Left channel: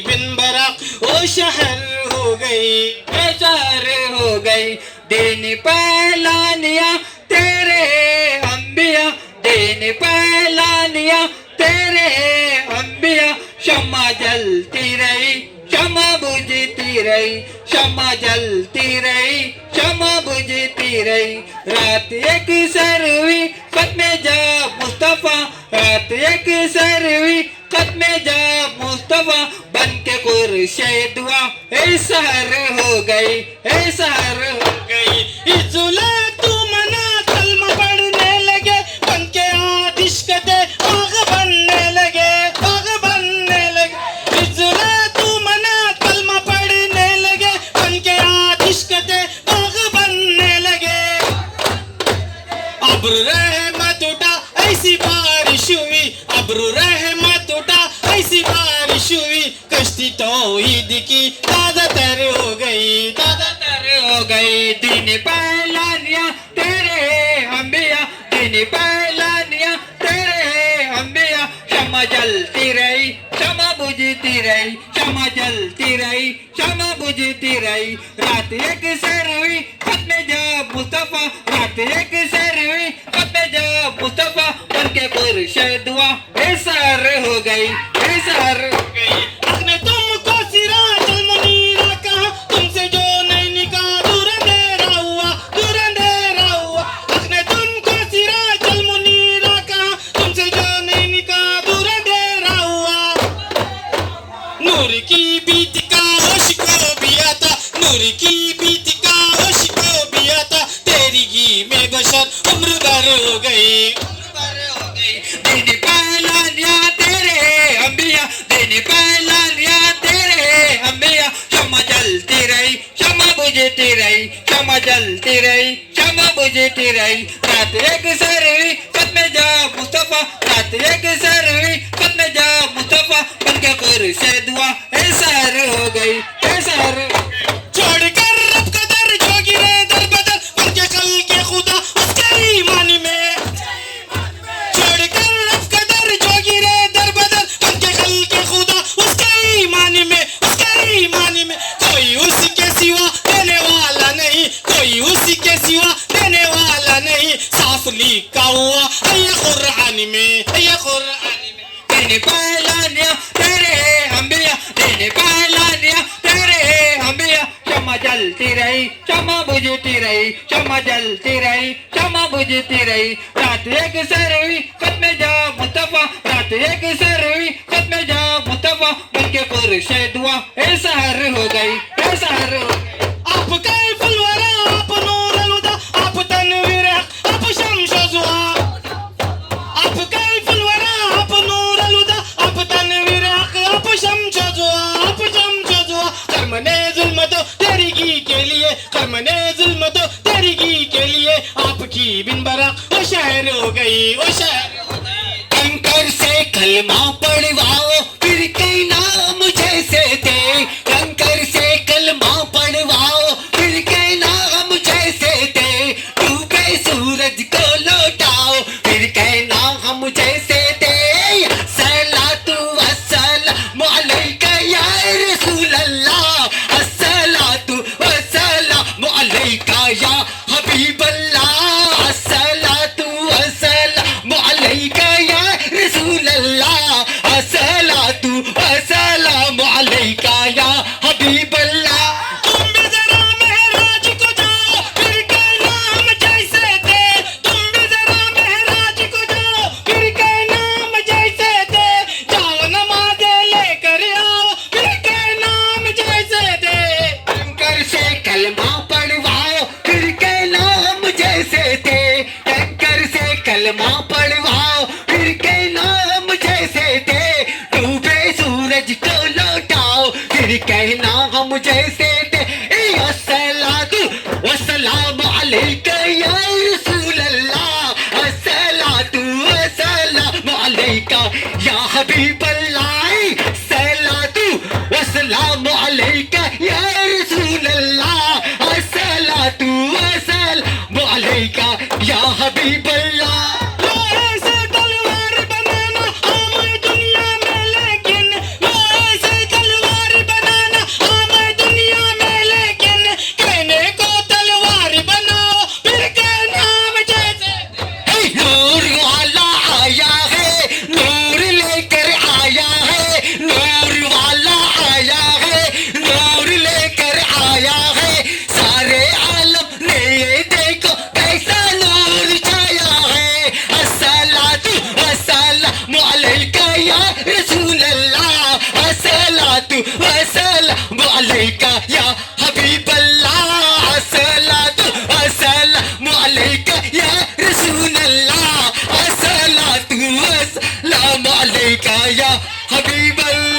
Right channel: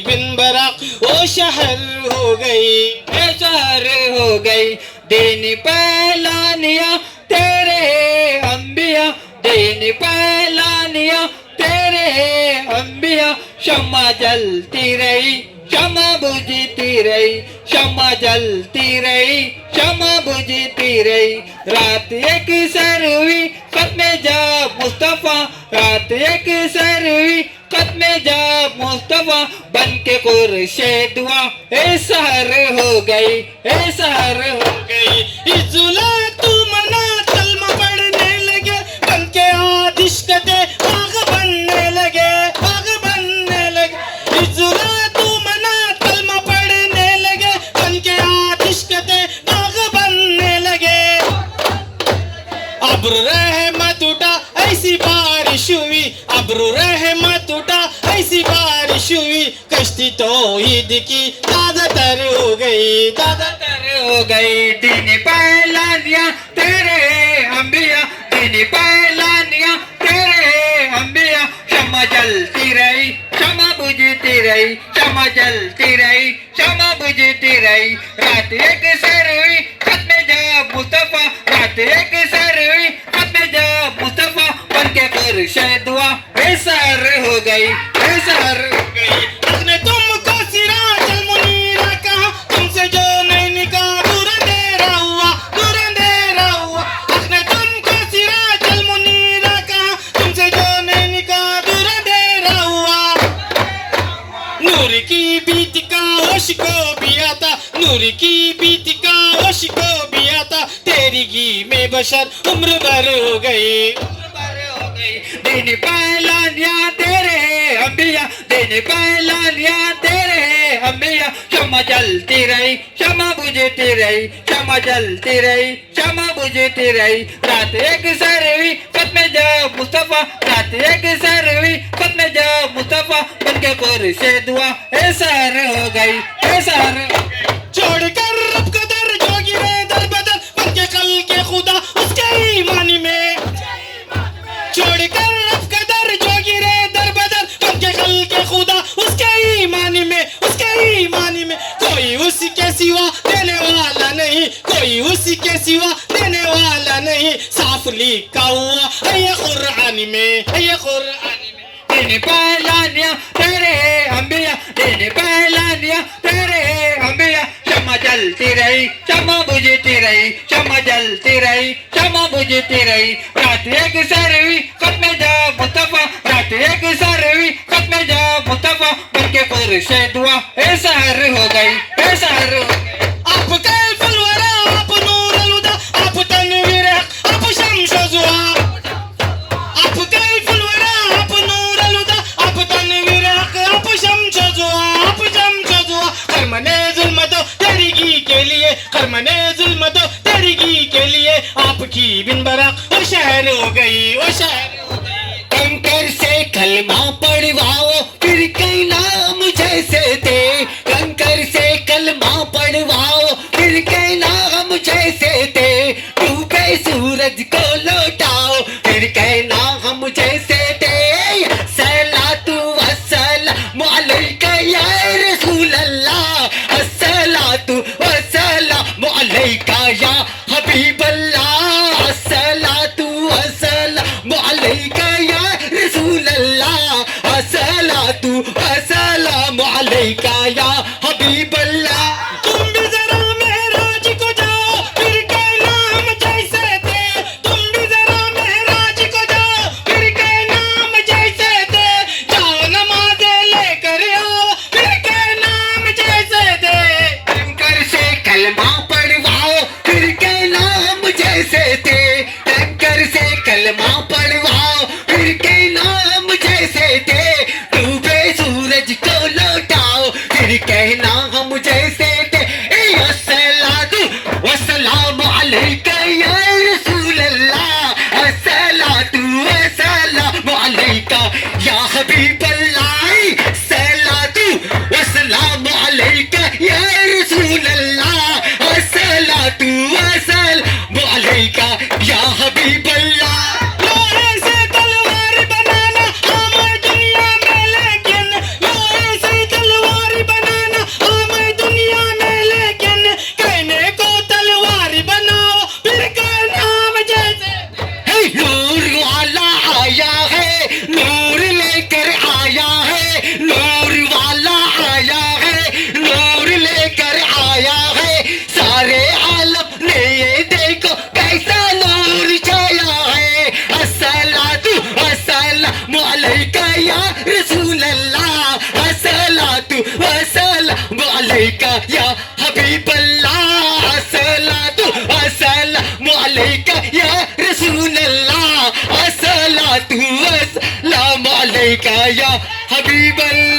बिन Barack वो शहर हो गई, ए शहर हो गई। दिन पहलानिया तेरे अंबिया, दिन पहलानिया तेरे अंबिया। शम्मा जलती रही, शम्मा बुझती रही, शम्मा जलती रही, शम्मा बुझती रही। रात एक सर हुई खत्मे जा मुस्तफा, रात एक सर हुई खत्मे जा मुस्तफा। बन के खुर्शीद हुआ ए सहर हो गई, ए सहर हो गई। इजुला तू मना कलमा पढ़ने लगे, बन के आतिश कते आग बनने लगे, आग बनने लगे। इजुला तू मना कलमा पढ़ने लगे, बन के आतिश कते आग बनने लगे। अब्र रहमत उठा ऐसी बारिश हुई, अब्र रहमत उठा ऐसी बारिश हुई। कश्ती तौहीद की ताज़ा तर हो गई, ताज़ा तर हो गई। दिन पहलानिया तेरे अंबिया, दिन पहलानिया तेरे अंबिया। शम्मा जलती रही, शम्मा बुझती रही, शम्मा जलती रही, शम्मा बुझती रही। रात एक सर हुई खत्मे जा मुस्तफा, रात एक सर हुई खत्मे जा मुस्तफा। बन के खुर्शीद हुआ ए सहर हो गई, ए सहर हो गई। उसने तुमको सिराजुल मुनीरा कहा, तुमसे जो नहीं निकाह दूर अंधेरा हुआ, दूर अंधेरा हुआ। उसने तुमको सिराजुल मुनीरा कहा, तुमसे जो नहीं निकाह दूर अंधेरा हुआ। नूर की बीत का होश को भी आता, नूर की बीत का होश को भी आता। तेरी घी में बशर उम्र भर हो गई, उम्र भर हो गई। दिन पहलानिया तेरे अंबिया, दिन पहलानिया तेरे अंबिया। शम्मा जलती रही, शम्मा बुझती रही, शम्मा जलती रही, शम्मा बुझती रही। रात एक सर हुई खत्मे जा मुस्तफा, रात एक सर हुई खत्मे जा मुस्तफा। बन के खुर्शीद हुआ ए सहर हो गई, ए सहर हो गई। छोड़कर रब कदर जो गिरे दर बदर, बन के कल के खुदा उसके ईमानी में। छोड़कर रब कदर जो गिरे दर बदर, बन के कल के खुदा उसके ईमानी में, उसके ईमानी में। कोई उसके सिवा देने वाला नहीं, कोई उसके सिवा देने वाला नहीं। साफ लिखा हुआ है ये कुरान में, है ये कुरान में। दिन पहलानिया तेरे अंबिया, दिन पहलानिया तेरे अंबिया। शम्मा जलती रही, शम्मा बुझती रही, शम्मा जलती रही, शम्मा बुझती रही। रात एक सर हुई खत्मे जा मुस्तफा, रात एक सर हुई खत्मे जा मुस्तफा। बन के खुर्शीद हुआ ए सहर हो गई, ए सहर हो गई। आप कैफुल वरा, आप नूरुल हुदा, आप तनवीर हक, आप शम्स ज़ुहा। आप कैफुल वरा, आप नूरुल हुदा, आप तनवीर हक, आप शम्स ज़ुहा, आप शम्स ज़ुहा। करमने जुल्म तो तेरी घी के लिए, करमने जुल्म तो तेरी घी के लिए। आपकी बिन बराक वो शहर हो गई, वो शहर हो गई। कंकर से कलमा पढ़वाओ फिर कहीं नाम जैसे थे, कंकर से कलमा पढ़वाओ फिर कहीं नाम जैसे थे। डूबे सूरज को लौटाओ फिर कहीं नाम जैसे थे। सलातु वस्सलामु अलैका या रसूल अल्लाह, अस्सलातु वस्सलामु अलैका या हबीब अल्लाह, अस्सलातु वस्सलामु अलैका या रसूल अल्लाह, अस्सलातु वस्सलामु अलैका या हबीब अल्लाह। तुम भी जरा महराज को जाओ फिर के नाम जैसे थे, तुम भी जरा महराज को जाओ फिर के नाम जैसे थे। जाओ नमाज़ें लेकर आओ फिर के नाम जैसे थे। कंकर से कलमा पढ़वाओ फिर के नाम जैसे थे, कंकर से कलमा पढ़वाओ फिर के नाम जैसे थे। डूबे सूरज को लौटाओ फिर के नाम जैसे थे। अस्सलातु वस्सलामु अलैका या रसूल अल्लाह, अस्सलातु वस्सलामु अलैका या हबीब अल्लाह, सलातु वस्सलामु अलैका या रसूल अल्लाह, अस्सलातु वस्सलामु अलैका या हबीब अल्लाह। लोहे से तलवार बनाना आम दुनिया में, लेकिन लोहे से तलवार अलैका या हबीबल्लाह अस्सलातु वस्सलामु अलैका या रसूलल्लाह अस्सलातु वस्सलामु अलैका या हबीबल्लाह